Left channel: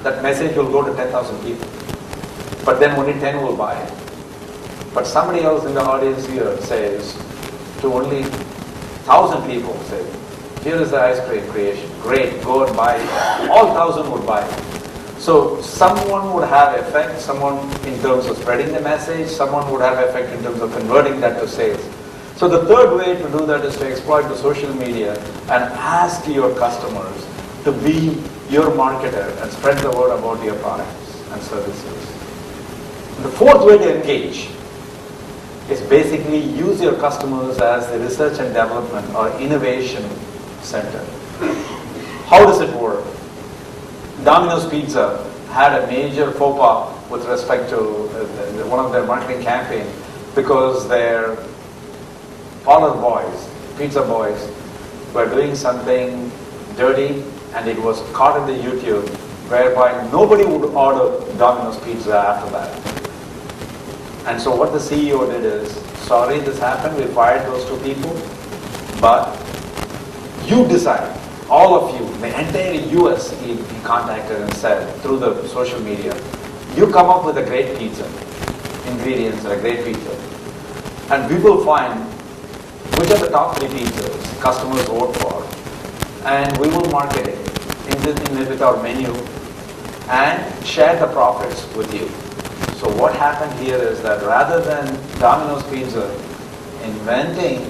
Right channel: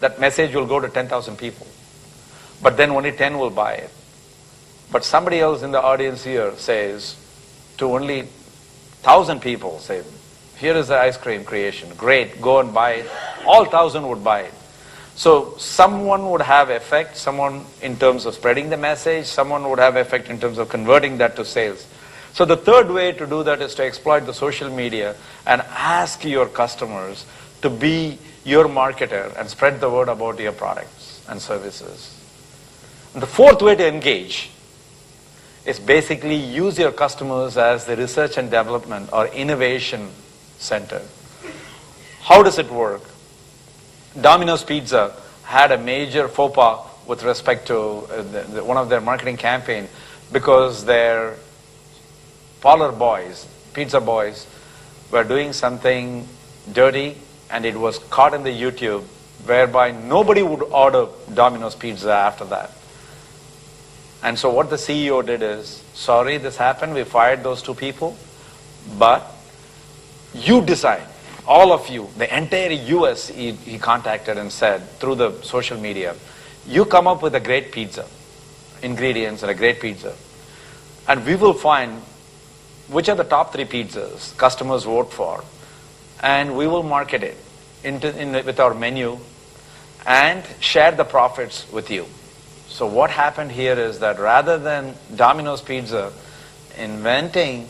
that message will go to 10,000 people. But then only 10 will buy it. But somebody else in the audience here says to only 1,000 people, say, here is the ice cream creation. Great, go and buy it. All 1,000 would buy it. So someone would have effect, someone in terms of spreading the message, someone would have effect in terms of converting that to sales. So the third way to do that is to exploit the social media and ask your customers to be your marketer and spread the word about your products and services. The fourth way to engage is basically use your customers as the research and development or innovation center. How does it work? Domino's Pizza had a major faux pas with respect to one of their marketing campaign because their parlor boys, pizza boys, were doing something dirty and it was caught in the YouTube whereby nobody would order Domino's Pizza after that. And so what the CEO did is, sorry this happened, we fired those two people, but you decide. All of you, the entire US, he contacted and said through the social media, you come up with a great pizza, ingredients of a great pizza, and we will find which are the top 3 pizzas customers vote for, and we will market it with our menu and share the profits with you. So what happened here is that rather than Domino's Pizza inventing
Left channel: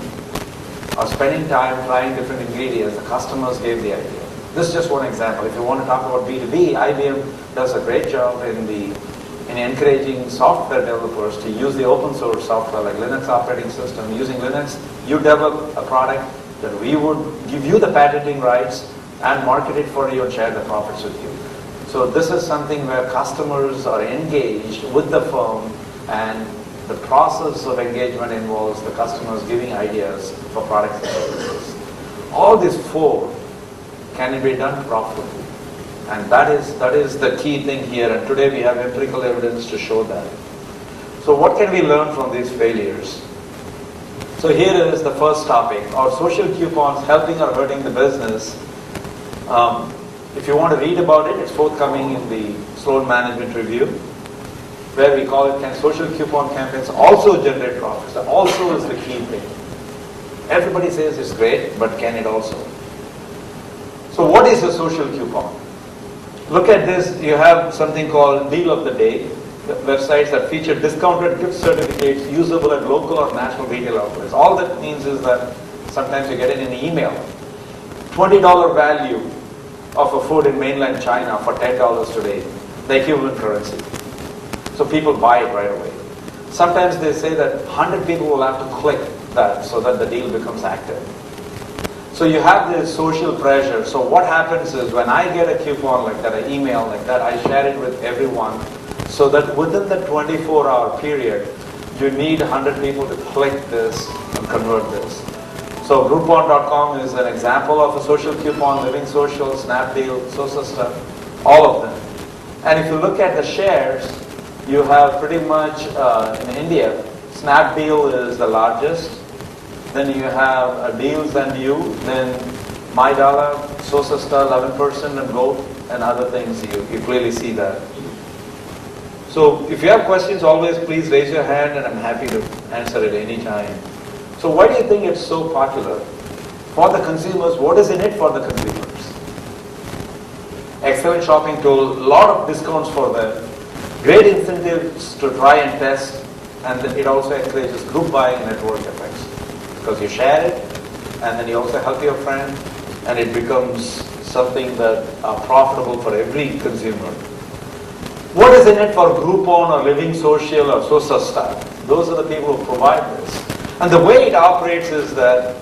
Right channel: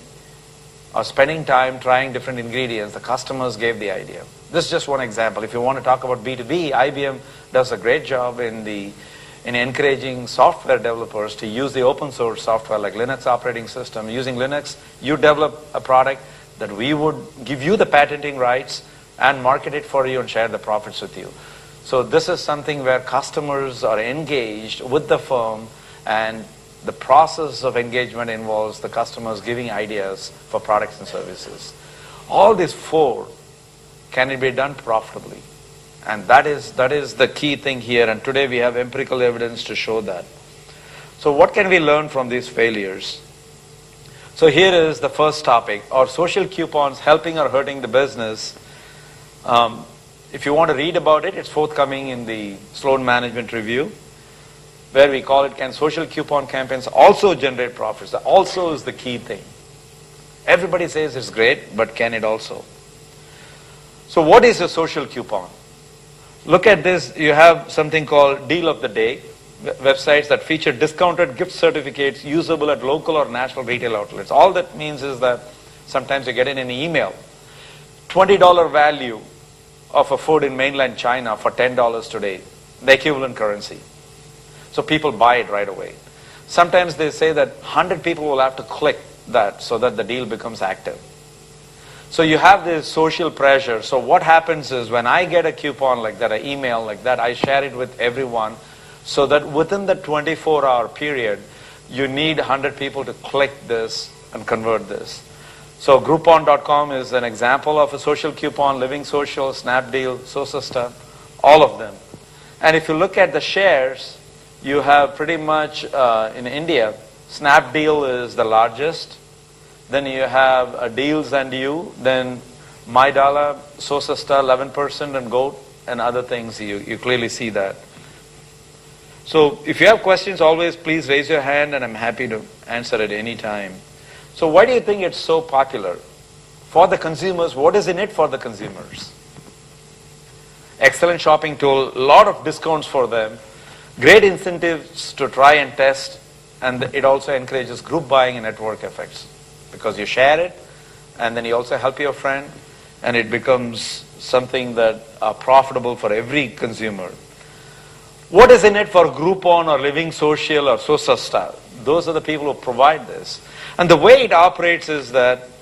or spending time trying different ingredients, the customers gave the idea. This is just one example. If you want to talk about B2B, IBM does a great job in encouraging software developers to use the open source software like Linux operating system. Using Linux, you develop a product that we would give you the patenting rights and market it for you and share the profits with you. So this is something where customers are engaged with the firm, and the process of engagement involves the customers giving ideas for products and services. All these 4 can be done profitably. And that is the key thing here. And today we have empirical evidence to show that. So what can we learn from these failures? So here is the first topic. Are social coupons helping or hurting the business? If you want to read about it, it's forthcoming in the Sloan Management Review, where we call it, can social coupon campaigns also generate profits? That also is the key thing. Everybody says it's great, but can it also? So what is a social coupon? Look at this. You have something called Deal of the Day, websites that feature discounted gift certificates usable at local or national retail outlets. All that means is that sometimes you get it in an email. $20 value of a food in mainland China for $10 today, the equivalent currency. So people buy it right away. Sometimes they say that 100 people will have to click that so that the deal becomes active. So you have this social pressure. So what happens is when I get a coupon like that, an email like that, I share it with everyone so that within the 24-hour period, you need 100 people to click this and convert this. So Groupon.com is an example of a social coupon, Living Social, Snapdeal, SoSista, all of them. And if you look at the shares, you have pretty much in India, Snapdeal is the largest. Then you have Deals and You, then MyDollar, SoSista 11%, and Vote and other things. You clearly see that. So if you have questions, always please raise your hand and I'm happy to answer at any time. So why do you think it's so popular? For the consumers, what is in it for the consumers? Excellent shopping tool, a lot of discounts for them, great incentives to try and test, and it also encourages group buying and network effects. Because you share it, and then you also help your friend, and it becomes something that are profitable for every consumer. What is in it for Groupon or Living Social or SoSista? Those are the people who provide this. And the way it operates is that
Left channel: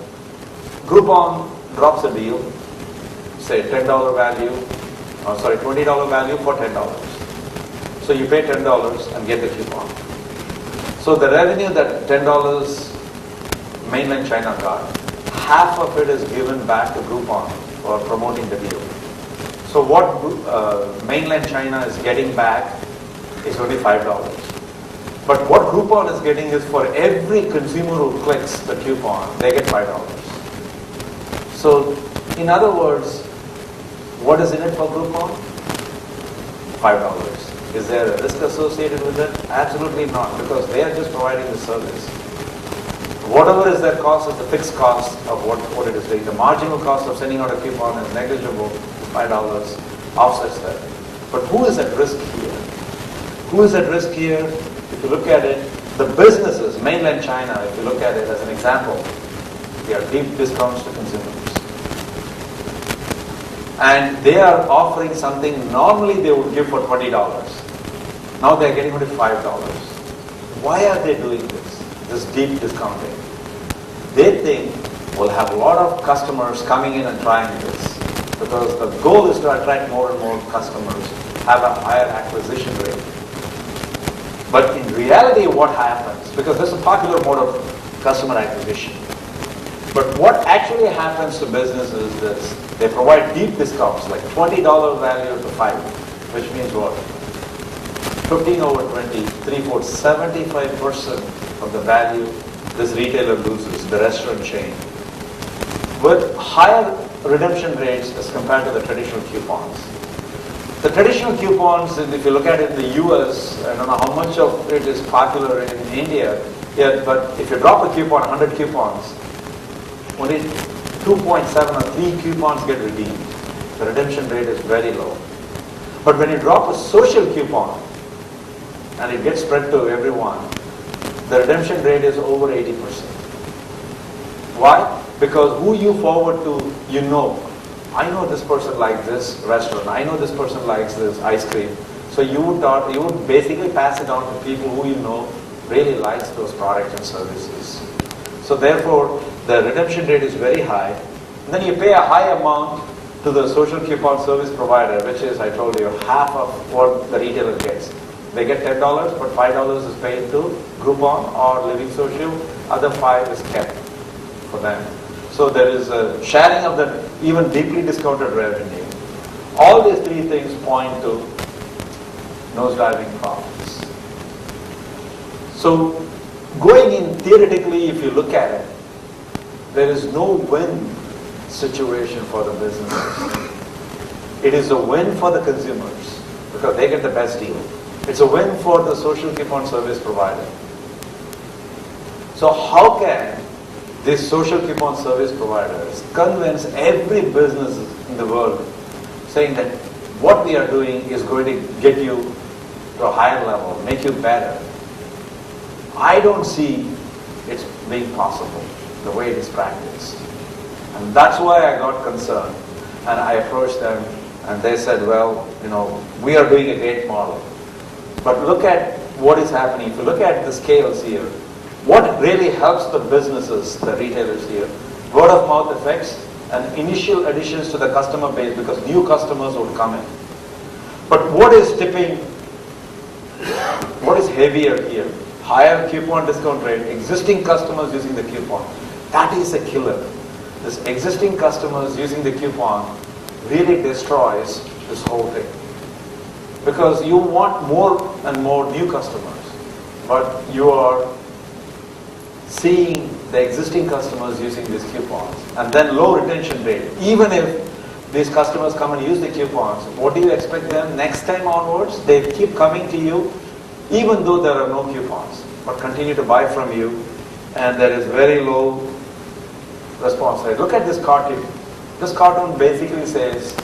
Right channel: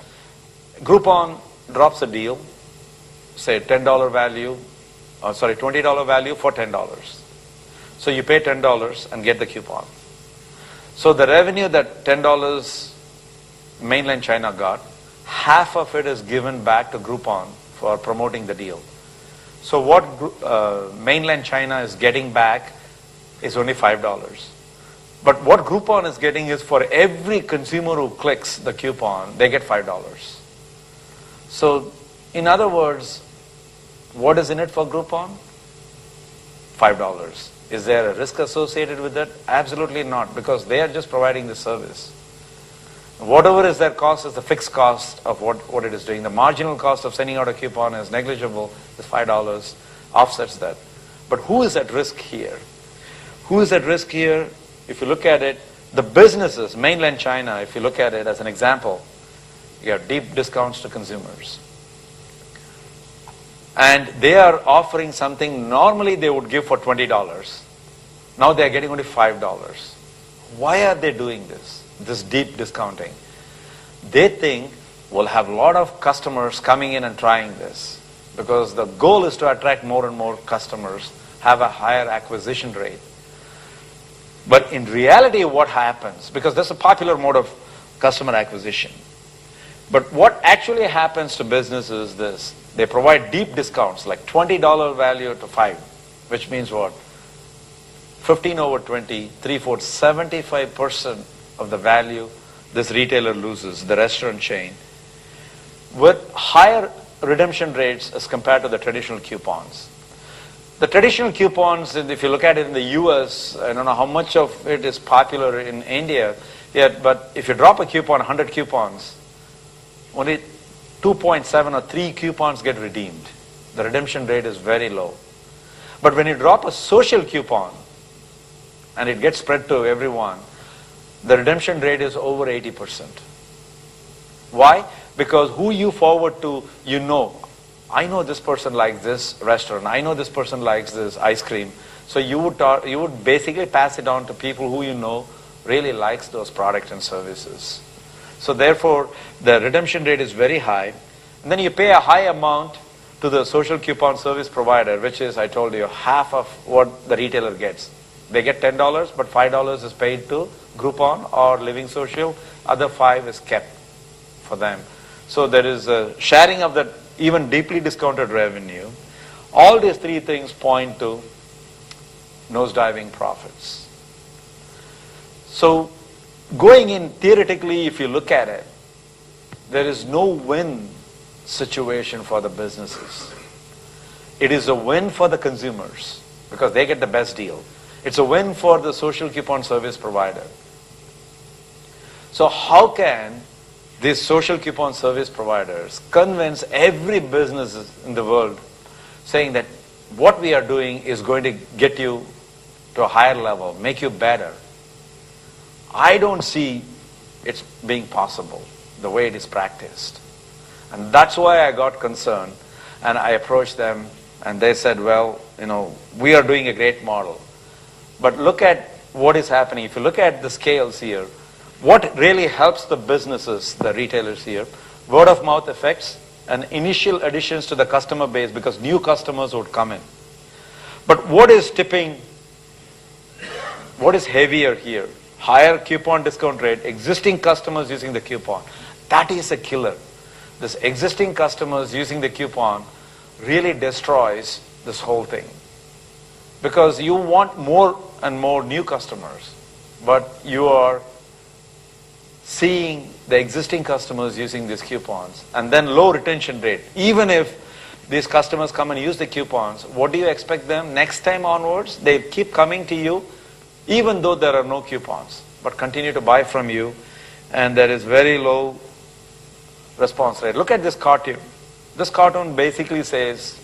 Groupon drops a deal, say $10 value, $20 value for $10. So you pay $10 and get the coupon. So the revenue that $10 mainland China got, half of it is given back to Groupon for promoting the deal. So what mainland China is getting back is only $5. But what Groupon is getting is for every consumer who clicks the coupon, they get $5. So in other words, what is in it for Groupon? $5. Is there a risk associated with it? Absolutely not, because they are just providing the service. Whatever is their cost is the fixed cost of what it is doing. The marginal cost of sending out a coupon is negligible, it's $5, offsets that. But who is at risk here? Who is at risk here? If you look at it, the businesses, mainland China, if you look at it as an example, you have deep discounts to consumers. And they are offering something normally they would give for $20. Now they are getting only $5. Why are they doing this deep discounting? They think we'll have a lot of customers coming in and trying this, because the goal is to attract more and more customers, have a higher acquisition rate. But in reality what happens, because this is a popular mode of customer acquisition, but what actually happens to businesses is this: they provide deep discounts like $20 value to $5, which means what? 15 over 20, 3/4, 75% of the value this retailer loses, the restaurant chain, with higher redemption rates as compared to the traditional coupons. The traditional coupons, if you look at it in the US, I don't know how much of it is popular in India, yet, but if you drop a coupon, 100 coupons, only 2.7 or 3 coupons get redeemed. The redemption rate is very low. But when you drop a social coupon, and it gets spread to everyone, the redemption rate is over 80%. Why? Because who you forward to, you know. I know this person likes this restaurant. I know this person likes this ice cream. So you would basically pass it on to people who you know really likes those products and services. So therefore, the redemption rate is very high. And then you pay a high amount to the social coupon service provider, which is, I told you, half of what the retailer gets. They get $10, but $5 is paid to Groupon or Living Social. Other $5 is kept for them. So there is a sharing of that even deeply discounted revenue. All these three things point to nosediving profits. So going in theoretically, if you look at it, there is no win situation for the businesses. It is a win for the consumers because they get the best deal. It's a win for the social coupon service provider. So how can these social coupon service providers convince every business in the world saying that what we are doing is going to get you to a higher level, make you better? I don't see it being possible the way it is practiced. And that's why I got concerned. And I approached them and they said, well, we are doing a great model. But look at what is happening. If you look at the scales here, what really helps the businesses, the retailers here, word of mouth effects and initial additions to the customer base because new customers would come in. But what is tipping, what is heavier here? Higher coupon discount rate, existing customers using the coupon. That is a killer. This existing customers using the coupon really destroys this whole thing. Because you want more and more new customers, but you are seeing the existing customers using these coupons, and then low retention rate. Even if these customers come and use the coupons, what do you expect them next time onwards? They keep coming to you, even though there are no coupons, but continue to buy from you, and there is very low response rate. Look at this cartoon. This cartoon basically says,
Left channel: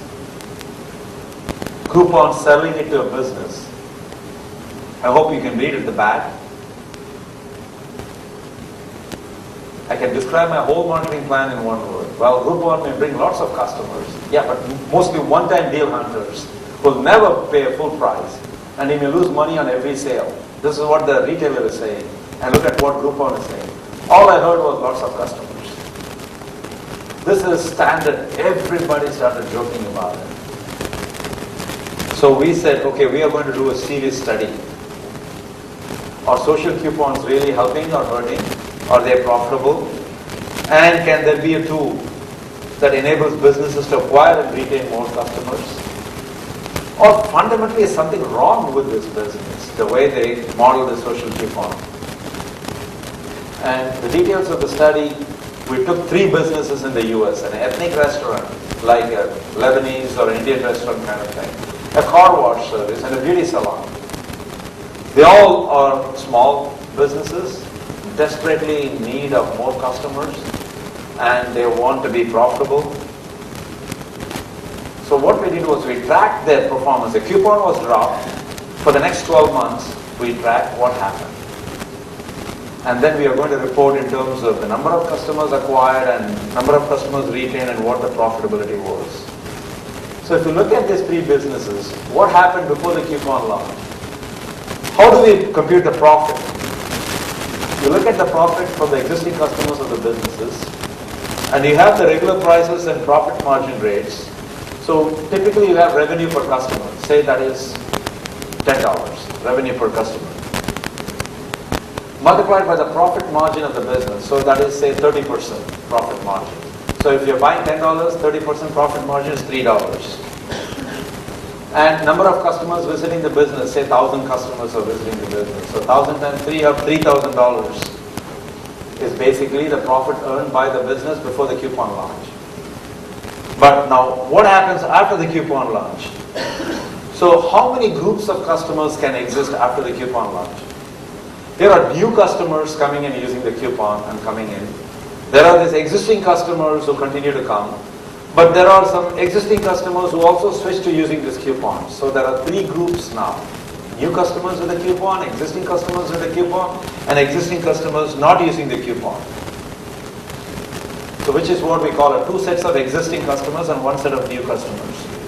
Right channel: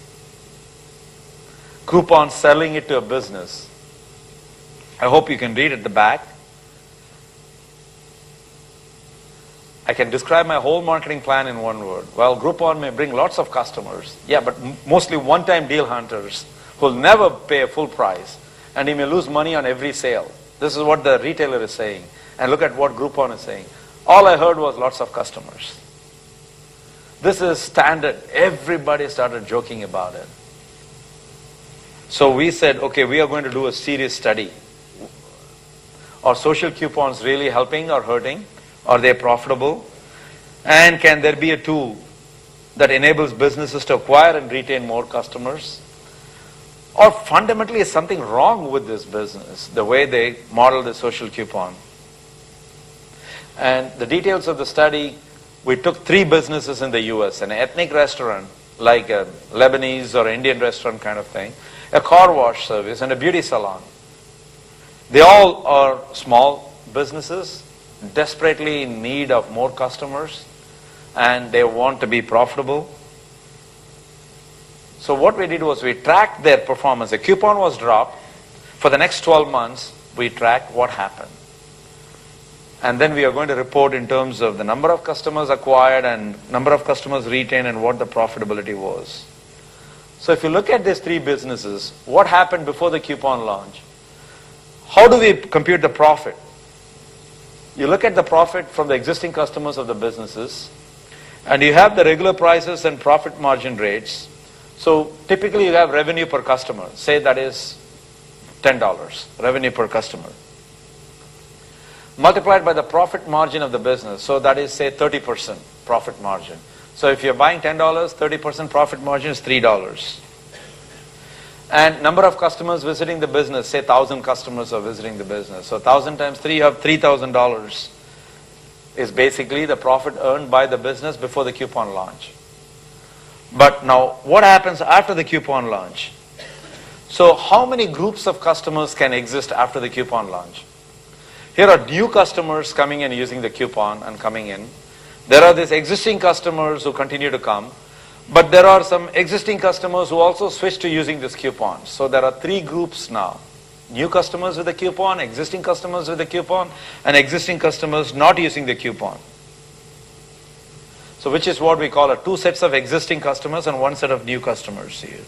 coupons selling it to a business. I hope you can read at the back. I can describe my whole marketing plan in one word. Well, Groupon may bring lots of customers. Yeah, but mostly one-time deal hunters will never pay a full price, and he may lose money on every sale. This is what the retailer is saying. And look at what Groupon is saying. All I heard was lots of customers. This is standard. Everybody started joking about it. So we said, okay, we are going to do a serious study. Are social coupons really helping or hurting? Are they profitable? And can there be a tool that enables businesses to acquire and retain more customers? Or fundamentally is something wrong with this business, the way they model the social coupon? And the details of the study, we took 3 businesses in the US, an ethnic restaurant, like a Lebanese or Indian restaurant kind of thing, a car wash service, and a beauty salon. They all are small businesses, desperately in need of more customers, and they want to be profitable. So what we did was we tracked their performance. The coupon was dropped. For the next 12 months, we tracked what happened. And then we are going to report in terms of the number of customers acquired and number of customers retained and what the profitability was. So if you look at these three businesses, what happened before the coupon launch? How do we compute the profit? You look at the profit from the existing customers of the businesses, and you have the regular prices and profit margin rates. So typically you have revenue per customer. Say that is $10, revenue per customer. Multiplied by the profit margin of the business. So that is, say, 30% profit margin. So if you're buying $10, 30% profit margin is $3. And number of customers visiting the business, say 1,000 customers are visiting the business. So 1,000 times 3, you have $3,000 is basically the profit earned by the business before the coupon launch. But now, what happens after the coupon launch? So how many groups of customers can exist after the coupon launch? Here are new customers coming and using the coupon and coming in. There are these existing customers who continue to come. But there are some existing customers who also switch to using this coupon. So there are three groups now. New customers with the coupon, existing customers with the coupon, and existing customers not using the coupon. So which is what we call two sets of existing customers and one set of new customers here.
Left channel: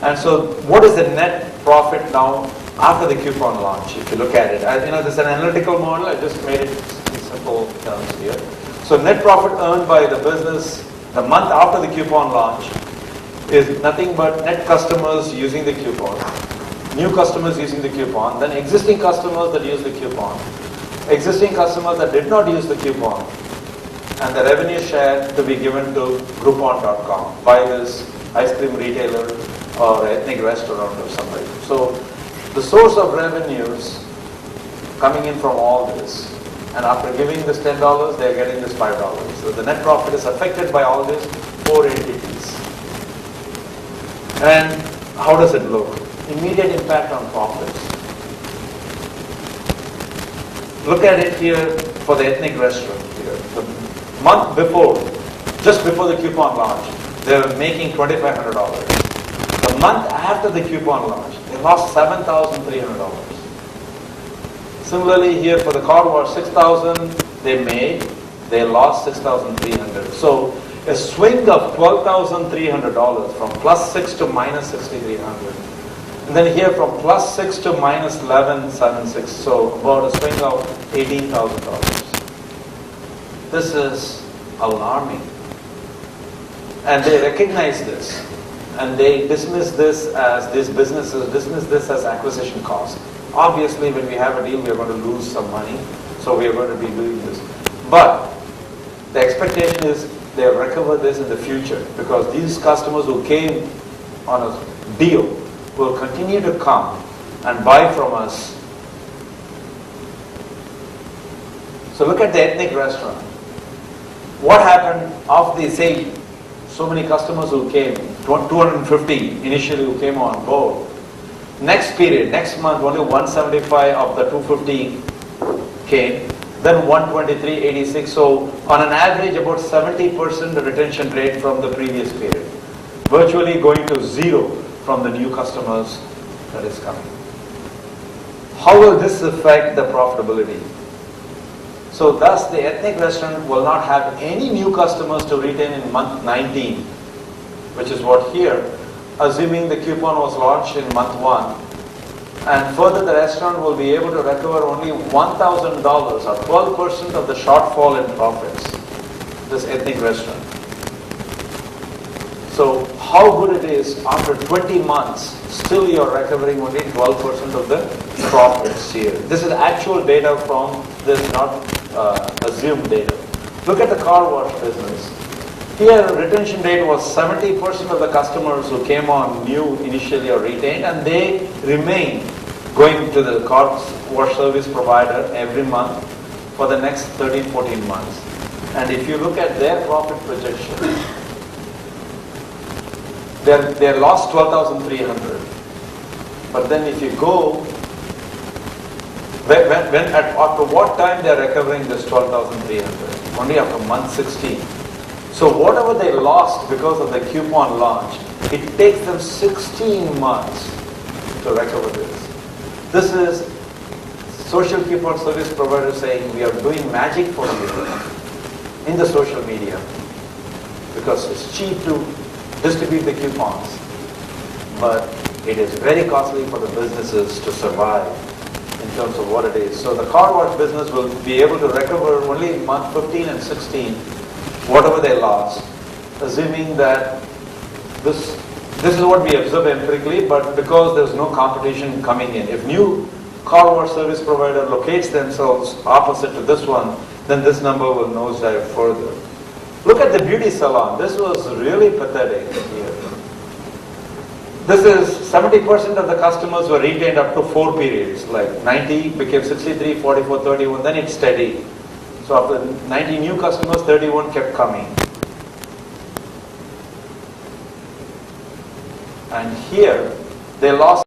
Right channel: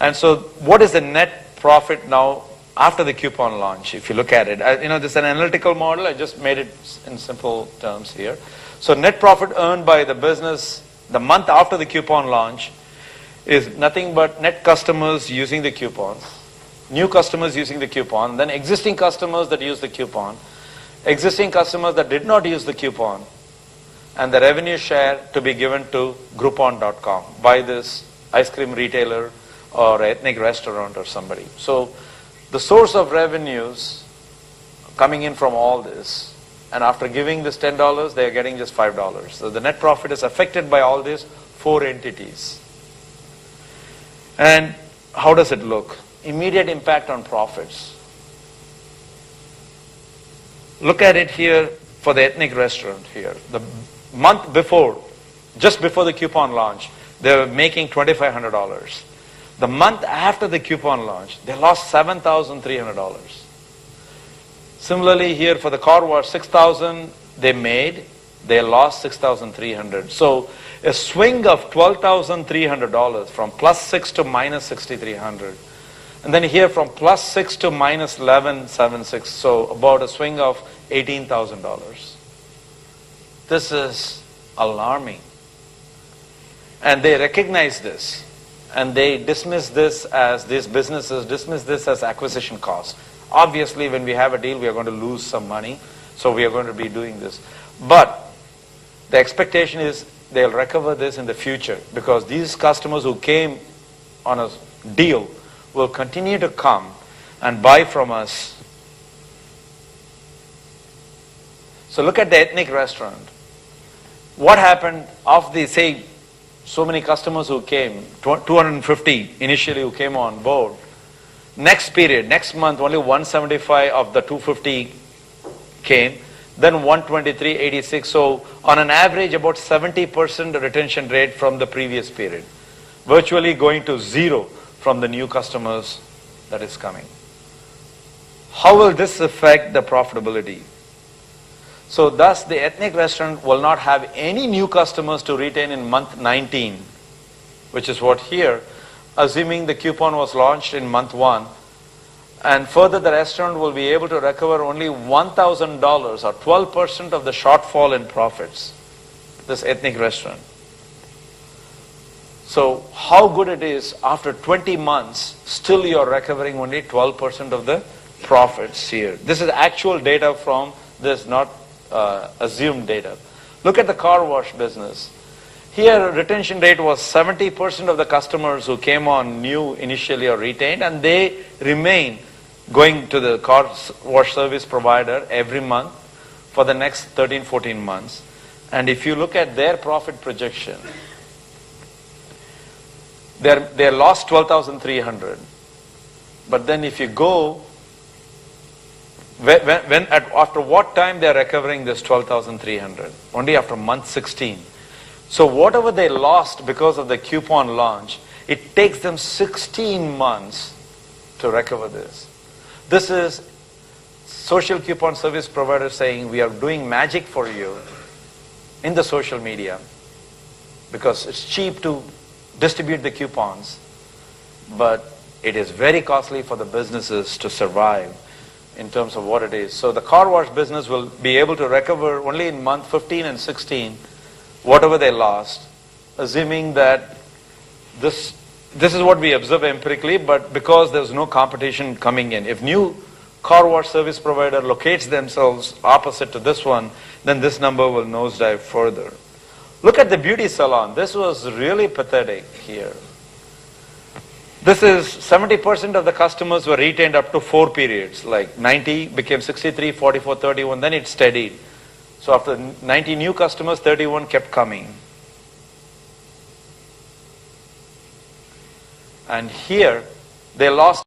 And so what is the net profit now after the coupon launch, if you look at it? This is an analytical model. I just made it in simple terms here. So net profit earned by the business the month after the coupon launch is nothing but net customers using the coupon, new customers using the coupon, then existing customers that use the coupon, existing customers that did not use the coupon, and the revenue share to be given to Groupon.com by this ice cream retailer or ethnic restaurant or somebody. So the source of revenues coming in from all this, and after giving this $10, they are getting this $5. So the net profit is affected by all these four entities. And how does it look? Immediate impact on profits. Look at it here for the ethnic restaurant here. The month before, just before the coupon launch, they were making $2,500. The month after the coupon launch, they lost $7,300. Similarly here for the car wash, $6,000 they made, they lost $6,300. So a swing of $12,300 from +6 to -6,300. And then here from +6 to -11,760. So about a swing of $18,000. This is alarming. And they recognize this. And they dismiss this as, these businesses dismiss this as acquisition cost. Obviously, when we have a deal, we are going to lose some money. So we are going to be doing this. But the expectation is they'll recover this in the future, because these customers who came on a deal will continue to come and buy from us. So look at the ethnic restaurant. What happened of the, say, so many customers who came, 250 initially who came on board. Next period, next month, only 175 of the 250 came. Then 123.86. So on an average, about 70% retention rate from the previous period. Virtually going to zero from the new customers that is coming. How will this affect the profitability? So thus the ethnic restaurant will not have any new customers to retain in month 19, which is what here, assuming the coupon was launched in month 1. And further, the restaurant will be able to recover only $1,000 or 12% of the shortfall in profits, this ethnic restaurant. So how good it is after 20 months, still you are recovering only 12% of the profits here. This is actual data from this, not assumed data. Look at the car wash business. Here retention rate was 70% of the customers who came on new initially are retained, and they remain going to the car wash service provider every month for the next 13-14 months. And if you look at their profit projection, They lost 12,300. But then if you go, after what time they are recovering this 12,300? Only after month 16. So whatever they lost because of the coupon launch, it takes them 16 months to recover this. This is social coupon service provider saying we are doing magic for you in the social media because it's cheap to distribute the coupons, but it is very costly for the businesses to survive in terms of what it is. So the car wash business will be able to recover only in month 15 and 16 whatever they lost, assuming that this is what we observe empirically, but because there's no competition coming in. If new car wash service provider locates themselves opposite to this one, then this number will nosedive further. Look at the beauty salon. This was really pathetic here. This is 70% of the customers were retained up to 4 periods, like 90 became 63, 44, 31, then it's steady. So after 90 new customers, 31 kept coming. And here, they lost